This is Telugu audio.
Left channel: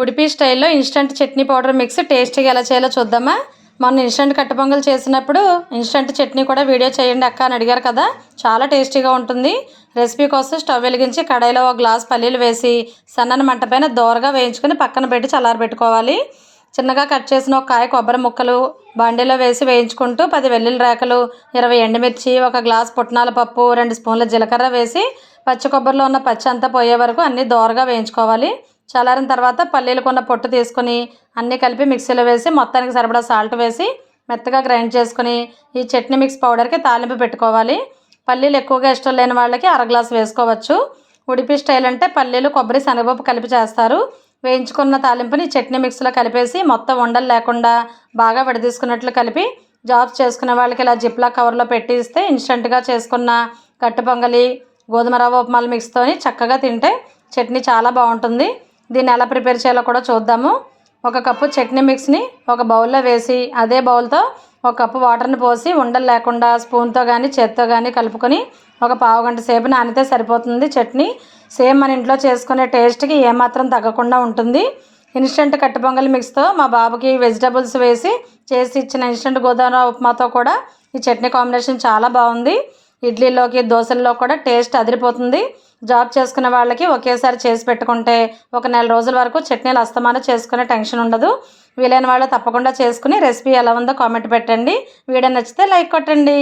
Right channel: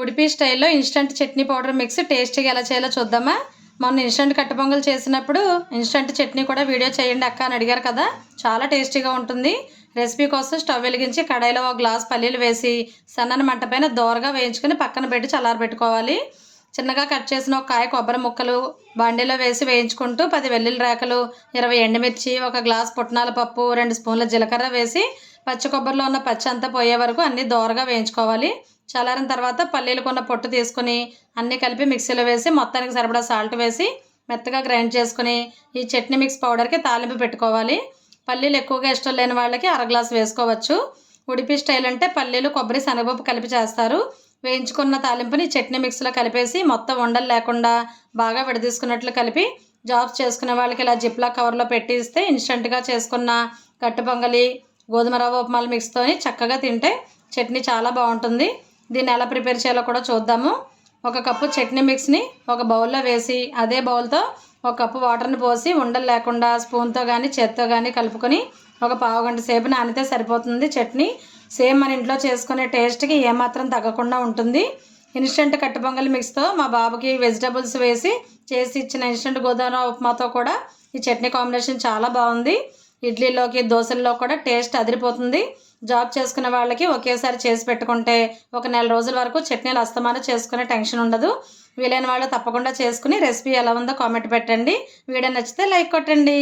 ఉడిపి స్టైల్లో ఇన్స్టంట్ చట్నీ పౌడర్ మిక్స్ టేస్టీగా ఎలా చేయాలో చూద్దామా. మొన్న ఇన్స్టంట్ కట్ట పొంగల్ చేసినప్పుడు ఇన్స్టంట్ చట్నీ కూడా వీడియో చేయండి అక్క అని అడిగారు కదా. చాలా టేస్టీగా ఉంటుంది. రెసిపీ కోసం స్టవ్ వెలిగించి కడాయిలో ఒక గ్లాస్ పల్లీలు వేసి సన్నని మంట పైన దోరగా వేయించుకొని పక్కన పెట్టి చల్లారబెట్టుకోవాలి. చిన్నగా కట్ చేసిన ఒక కాయ కొబ్బరి ముక్కలు బాండీలో వేసి వేయించుకుంటూ 10 వెల్లుల్లి రేకలు, 20 ఎండుమిర్చి, ఒక గ్లాస్ పుట్నాల పప్పు, 2 స్పూన్ల జీలకర్ర వేసి పచ్చి కొబ్బరిలో ఉన్న పచ్చి అంతా పోయే వరకు అన్నీ దోరగా వేయించుకోవాలి. చల్లారిన తర్వాత పల్లీలు కొన్న పొట్టు తీసుకుని అన్నీ కలిపి మిక్సీలో వేసి మొత్తానికి సరిపడా సాల్ట్ వేసి మెత్తగా గ్రైండ్ చేసుకుని ఈ చట్నీ మిక్స్ పౌడర్కి తాలింపు పెట్టుకోవాలి. పల్లీలు ఎక్కువగా ఇష్టం లేని వాళ్ళకి అర గ్లాస్ వేసుకోవచ్చు. ఉడిపి స్టైల్ అంటే పల్లీలు, కొబ్బరి, శనగపప్పు కలిపి చేస్తారు. వేయించుకున్న తాలింపుని చట్నీ మిక్స్లో కలిపేసి మొత్తం ఉండలు లేకుండా బాగా విడదీసుకున్నట్లు కలిపి జాబ్స్ చేసుకునే వాళ్ళకి ఇలా జిప్లా కవర్లో పెట్టి ఇస్తే ఇన్స్టెంట్గా చేసుకున్న కట్టు పొంగలి, గోధుమ రవ్వ ఉప్మాల మిక్స్తోని చక్కగా తింటే చట్నీ చాలా బాగుంటుంది. దీన్ని ఎలా ప్రిపేర్ చేయాలో కూడా చూద్దాము. ఒక కప్పు చట్నీ మిక్స్ని ఒక బౌల్లో వేసి అదే బౌల్తో ఒక కప్పు వాటర్ని పోసి ఉండలు లేకుండా స్పూన్తో కానీ చేత్తో కానీ కలుపుకొని ఒక పావు గంట సేపు నానితే సరిపోతుంది. చట్నీ సేమ్ మన ఇంట్లో చేసుకునే టేస్ట్కి ఏమాత్రం తగ్గకుండా ఉంటుంది. ఇన్స్టెంట్ కట్టు పొంగల్ మిక్స్తో మా బాబుకి వెజిటబుల్స్ వేసి చేసి ఇచ్చిన ఇన్స్టెంట్ గోధుమ ఉప్మాతో కూడా ఈ చట్నీ కాంబినేషన్ చాలా బాగుంది. ఇడ్లీలోకి, దోశల్లో కూడా టేస్ట్ అదిరిపోతుంది. జాబ్ చేసుకునే వాళ్ళకి ఒకేసారి చేసి పెట్టుకుంటే ఒక నెల రోజుల వరకు చట్నీలు అస్తమానం చేసుకునే టెన్షన్ ఉండదు. వీలైన వాళ్ళు తప్పకుండా చేసుకుని రెసిపీ ఎలా ఉందో కామెంట్ పెట్టండి. వీడియో నచ్చితే లైక్ కొట్టండి.